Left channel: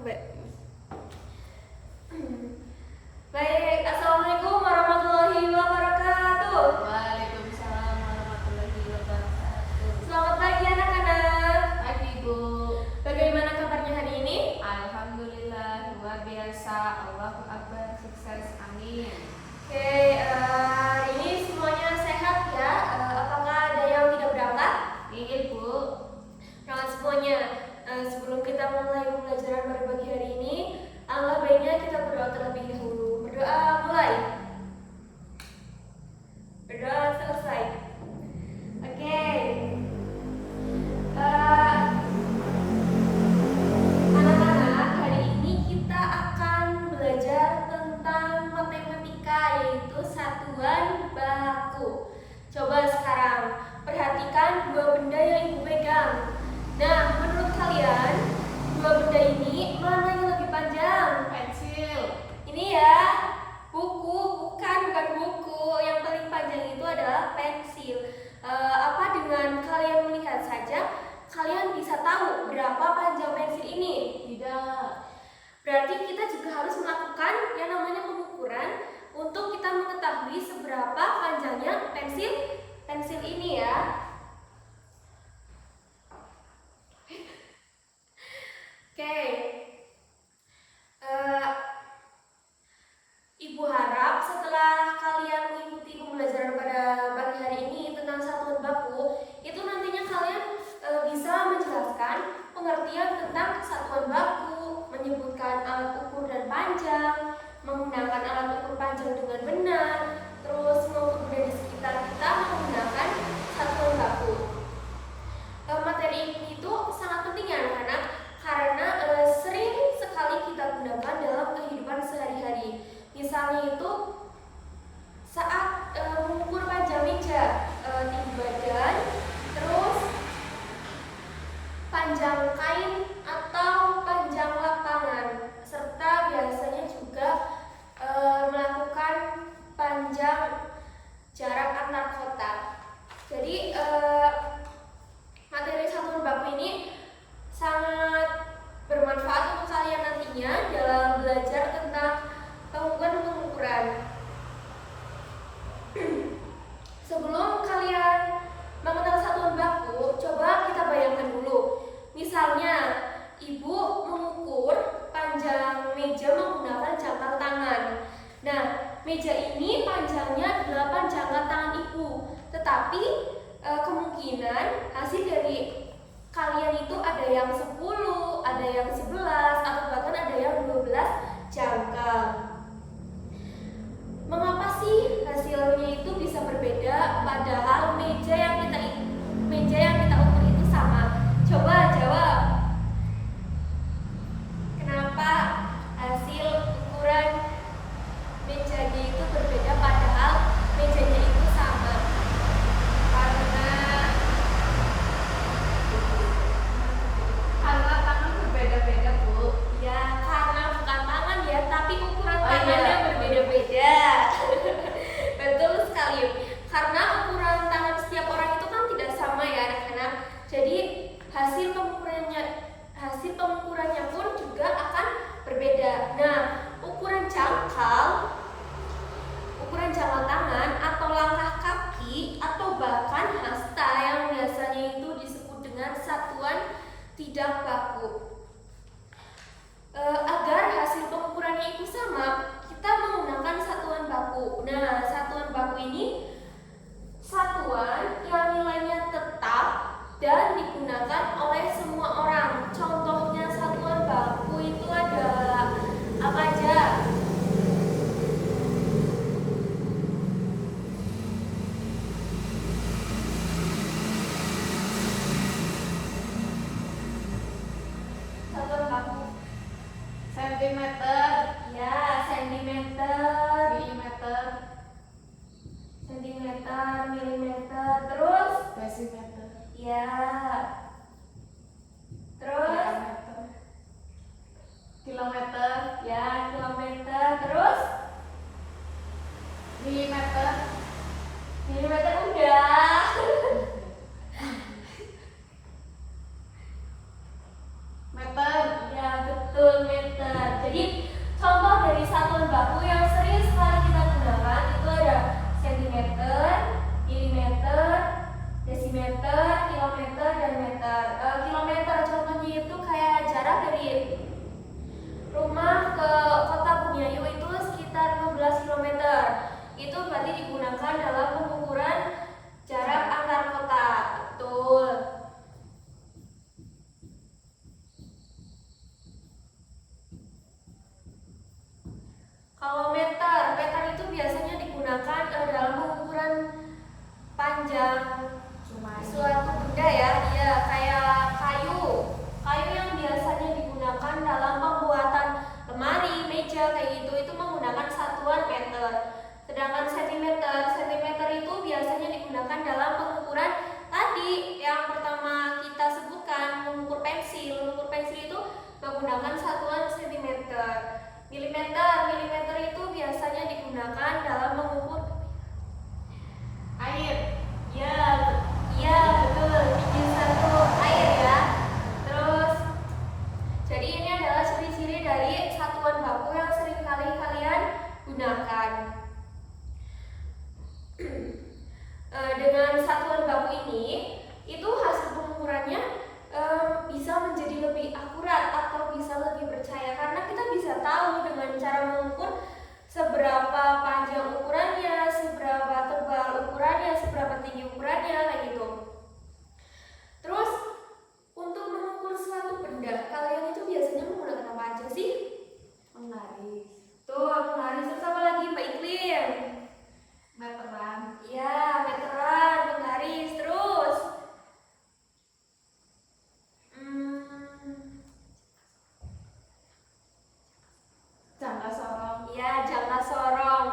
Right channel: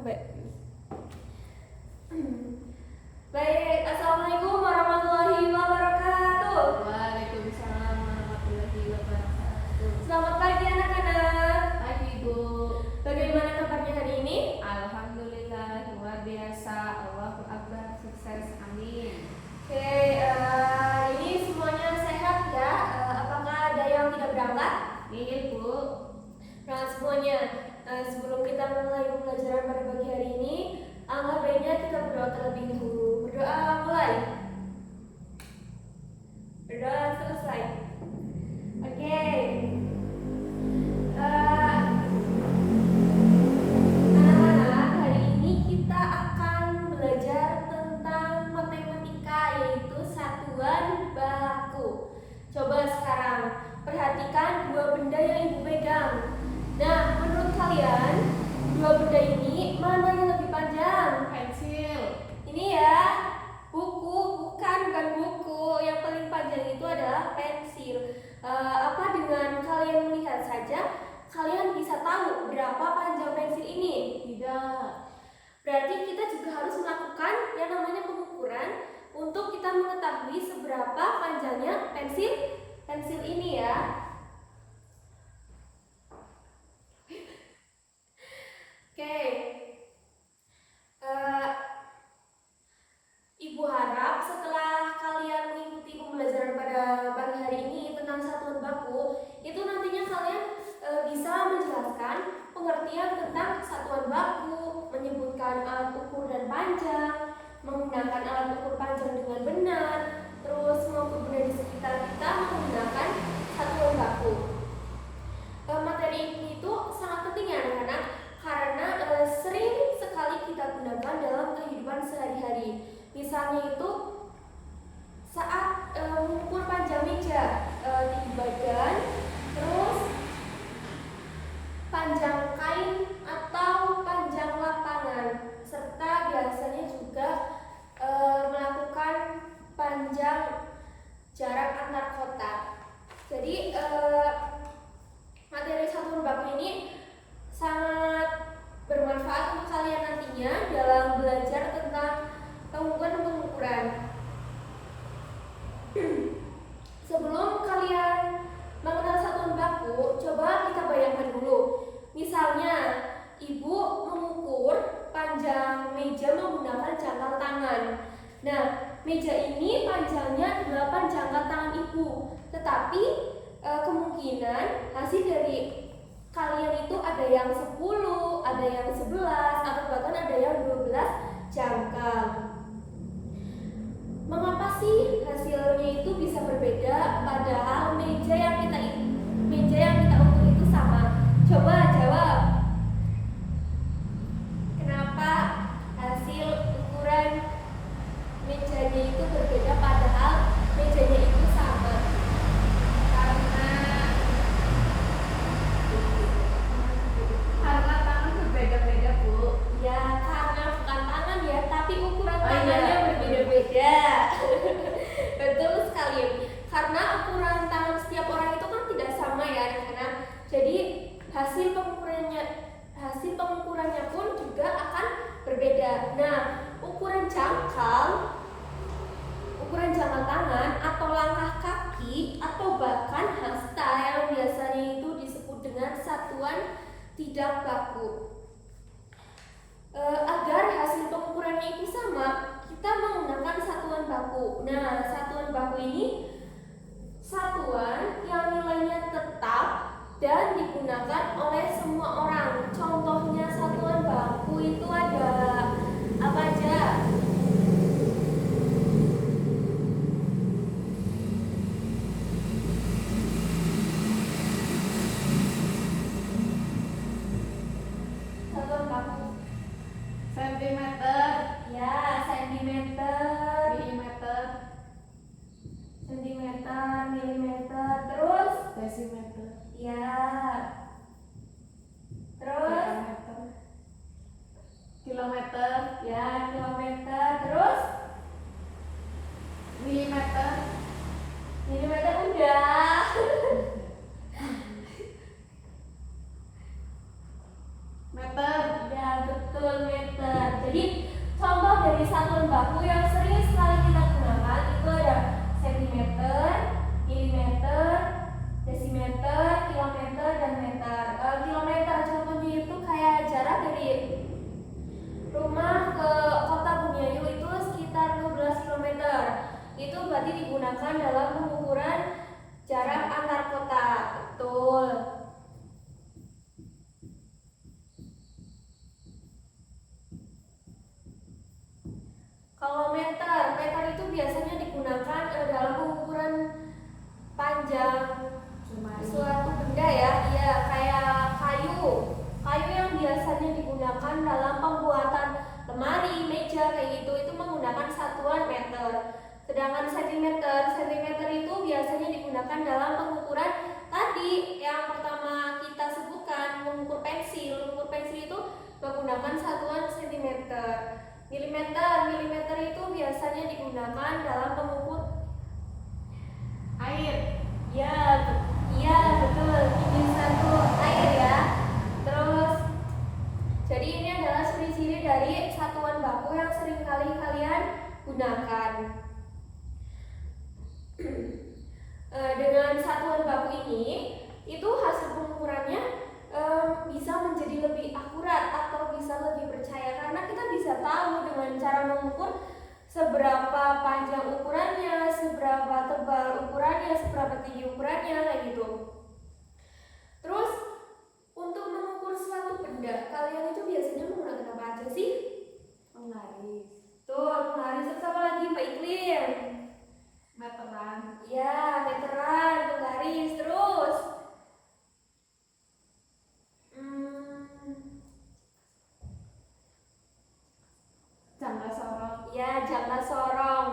Mbak. Baik, assalamualaikum warahmatullahi wabarakatuh. Waalaikumsalam warahmatullahi wabarakatuh. Selamat pagi anak-anak. Pagi Bu. Bagaimana kabarnya hari ini? Alhamdulillah luar biasa. Allahu Akbar, sukses, amin. Oke, ini semuanya sehat ya. Apakah ada yang tidak berangkat? Iya Bu. Nah semuanya, sebelum kita mulai pembelajaran pada pagi hari ini, alangkah baiknya kita berdoa terlebih dahulu. Berdoa mulai. Berdoa selesai. Oke. Anak-anak, hari ini kita akan belajar tentang matematika, yaitu satuan baku. Coba sekarang perhatikan dua benda yang ibu pegang. Nah, menurut kalian dua benda ini mana yang lebih panjang? Pensil. Ini ya, buku, bukan buku. Yang paling panjang itu adalah pensil. Apa dengan kalian melihat saja, kalian bisa tahu berapa panjang pensil ini? Tidak. Berarti kita juga harus melakukan yang namanya pengukuran untuk kita mengetahui seberapa panjangnya pensil ini ya. Oke. Ibu harap setelah kalian mengikuti pembelajaran pada pagi hari ini tentang satuan baku, itu nantinya kalian bisa menjelaskan pengertian tentang satuan baku, menyebutkan alat ukur dan panjang, menggunakan alat ukur panjang dengan benar, terus mengukur benda di sekitar kita menggunakan satuan baku. Materi ini itu sangat penting ya anak-anak, karena sering sekali kita gunakan dalam kehidupan sehari-hari. Misalnya itu saat mengukur panjang meja, tinggi badan, terus panjang kain atau panjang lapangan, serta biasanya juga melakukan panjang jarak antar kota. Jadi materi satuan baku ini sangat bermanfaat untuk kalian nantinya dalam belajar tentang pengukuran. Sebelum kalian mengenal satuan baku, coba kita bayangkan dulu. Misalnya, ibu mengukur panjang meja menggunakan jangkar tangan. Nah, meja ini panjangnya 8 jangkar tangan ibu. Tetapi kemungkinan hasil dari kalian itu ada yang 10, ada yang 11, atau bahkan ada yang 12 jangkar. Mengapa sih hasilnya itu bisa berbeda padahal meja yang kita ukur itu sama? Coba jawab. Kenapa hasil ukuran mejanya itu berbeda padahal mejanya itu sama? Karena tangan berbeda-beda Bu. Ya, karena bukan tangan ya, tapi ukuran tangannya berbeda-beda. Betul sekali. Karena ukuran tangan setiap orang itu kan tidak sama ya anak-anak. Jadi hasil pengukurannya pun juga akan berbeda. Nah, ukuran jangkal tangan atau langkah kaki atau bahkan hasta yang biasanya itu disebut dengan satuan tidak baku. Agar hasil pengukurannya itu sama, kita menggunakan satuan baku. Nah, satuan baku ini satuan yang nilainya tetap dan digunakan oleh semua orang. Contohnya satuan baku itu adalah apa aja? Satuan baku. Sentimeter, Ya, sentimeter, milimeter, terus desimeter, ya, terus diameter, kilometer, ya, kilometer, terus milimeter, udah. meter, Ya betul, dari satuan baku yang sering sekali kita gunakan itu ada sentimeter, milimeter, desimeter, kilometer, dan meter. Kilometer contohnya itu kayak jarak dari rumah ke kota Bumiayu itu sekitar 12 kilometer. Itu berarti digunakan dalam pengukuran jarak antar kota. Betul. Kalau meter, meter itu biasanya digunakan dalam pengukuran panjang suatu benda ya, kayak kayu. Kayu yang biasanya digunakan dalam pembuatan lemari, meja kayak gitu itu menggunakan satuan meter. Sedangkan sentimeter itu biasanya digunakan dalam pengukuran tadi yang pertama kita sebutkan, mengukur pensil. Mengukur pensil itu menggunakan satuan sentimeter. Milimeter itu biasanya digunakan dalam mengukur air. Ya, betul. Bisa tuh air ya. Terus, jadi ini adalah ciri-ciri dari satuan baku yang sering kali kalian gunakan. Dengan satuan baku ini, itu hasil pengukurannya bisa menjadi lebih akurat atau bisa lebih percaya karena kita bisa tahu dengan cara mengukur seberapa panjang ukurannya, seberapa tebal ukurannya, seberapa tinggi ukurannya kayak gitu. Terus untuk mengukur suatu benda, kalian itu biasanya menggunakan apa aja sih? Penggaris. Tuh, penggaris. Terus apa lagi Mbak Iklim? Meteran. Ya, meteran, penggaris. Terus Jangka sorong. ya, jangka sorong.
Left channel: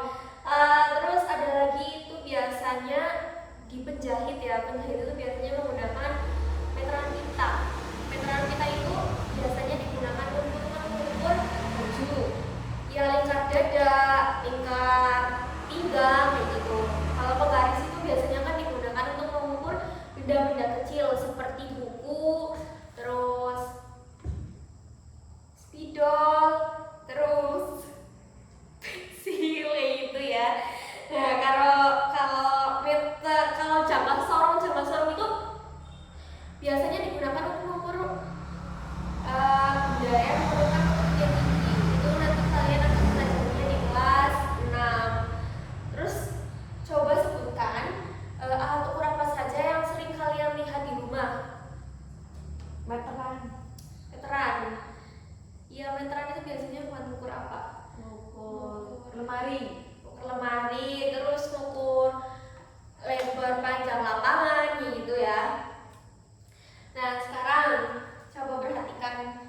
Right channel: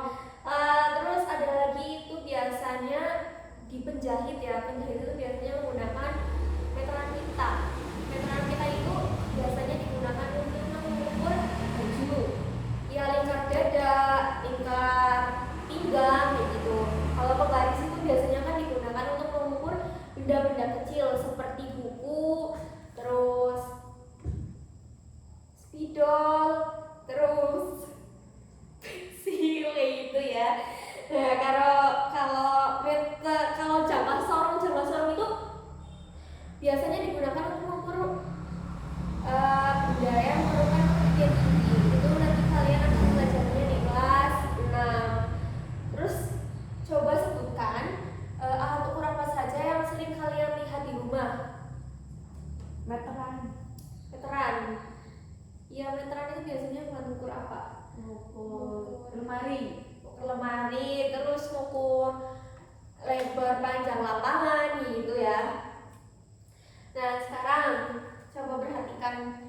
Terus ada lagi itu biasanya di penjahit ya. Penjahit itu biasanya menggunakan meteran pita. Meteran pita itu biasanya digunakan untuk mengukur baju. Ya, lingkar dada, lingkar pinggang kayak gitu. Kalau penggaris itu biasanya kan digunakan untuk mengukur benda-benda kecil seperti buku, terus spidol, terus pensil kayak gitu ya. Nah, kalau jangka sorong itu biasanya digunakan untuk mengukur benda yang merupakan ketinggian tinggi. Itu nanti kalian akan belajarnya di kelas 6. Terus coba sebutkan alat ukur apa saja yang sering kalian lihat di rumah. Meteran. Meteran. Iya, meteran itu biasanya buat mengukur apa? Mengukur lemari. Ukur lemari, terus ukur lebar panjang lapangan gitu ya. Nah, sekarang coba perhatikan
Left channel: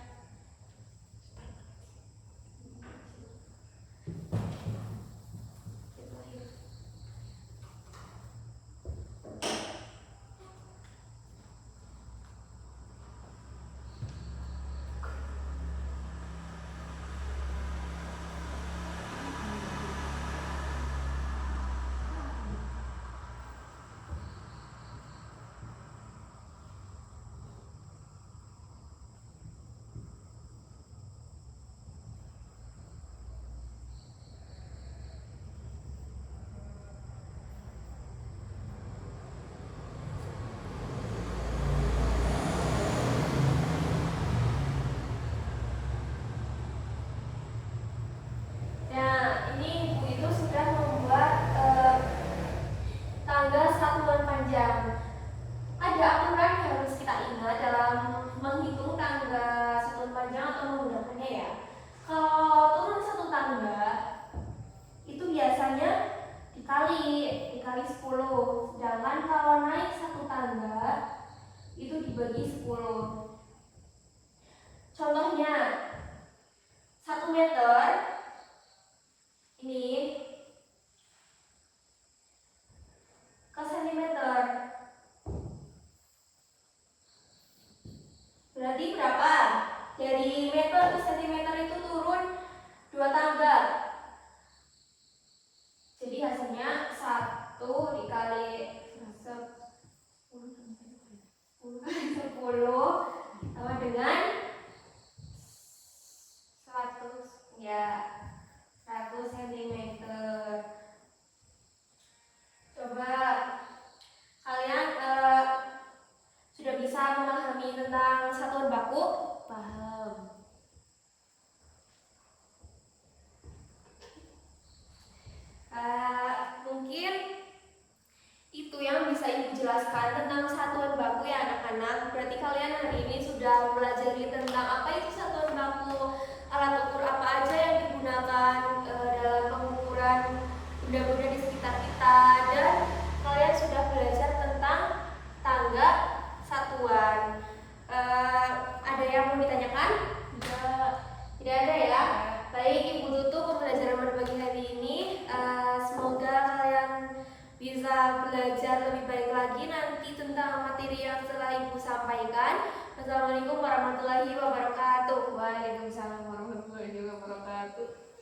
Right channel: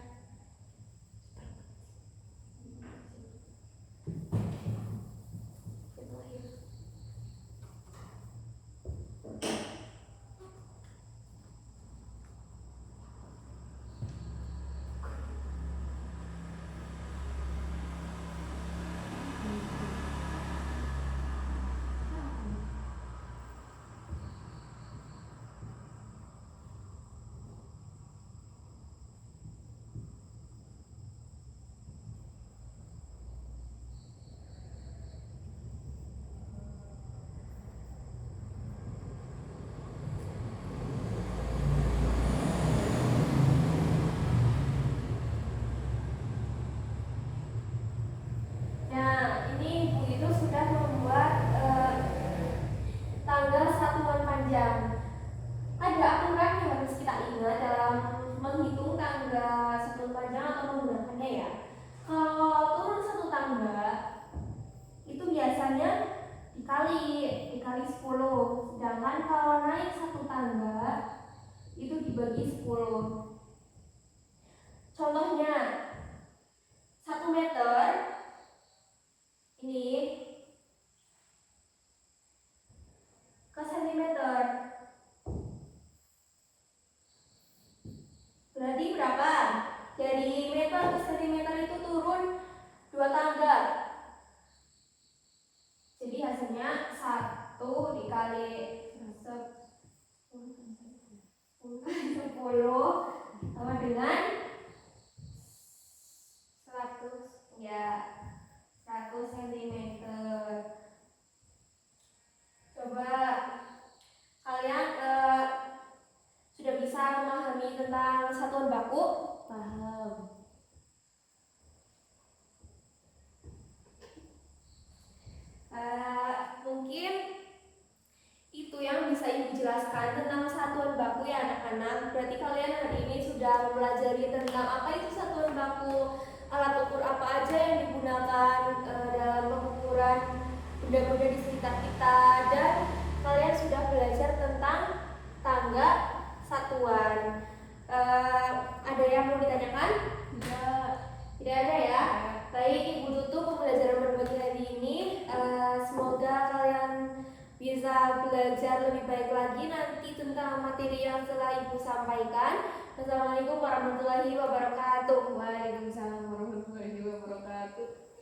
dikali 10. Sedangkan kalau naik satu tangga itu dibagi 10. Contohnya 1 meter ini ke sentimeter. Berarti berapa? Dari meter ke sentimeter itu turun 2 tangga. Jadi hasilnya 1 dikali 10 sama dengan 100 ya. cm. Coba kalian sudah bisa memahami tentang satuan baku? Paham. Mungkin itu yang bisa Ibu jelaskan tentang satuan baku ya anak-anak. Berarti kalian hari ini sudah mempelajari tentang apa itu satuan baku, alat ukur apa aja yang digunakan dalam pengukuran benda-benda di sekitar kita, dan kalian sudah belajar tentang tangga satuan. Ada yang mau ditanyakan? Tidak ada ya? Baik, Ibu tutup pembelajaran pada pagi hari ini. Semoga kalian bisa belajar lebih baik lagi nanti tentang materi yang telah Ibu sampaikan. Wassalamualaikum warahmatullahi wabarakatuh. Waalaikumsalam warahmatullahi wabarakatuh.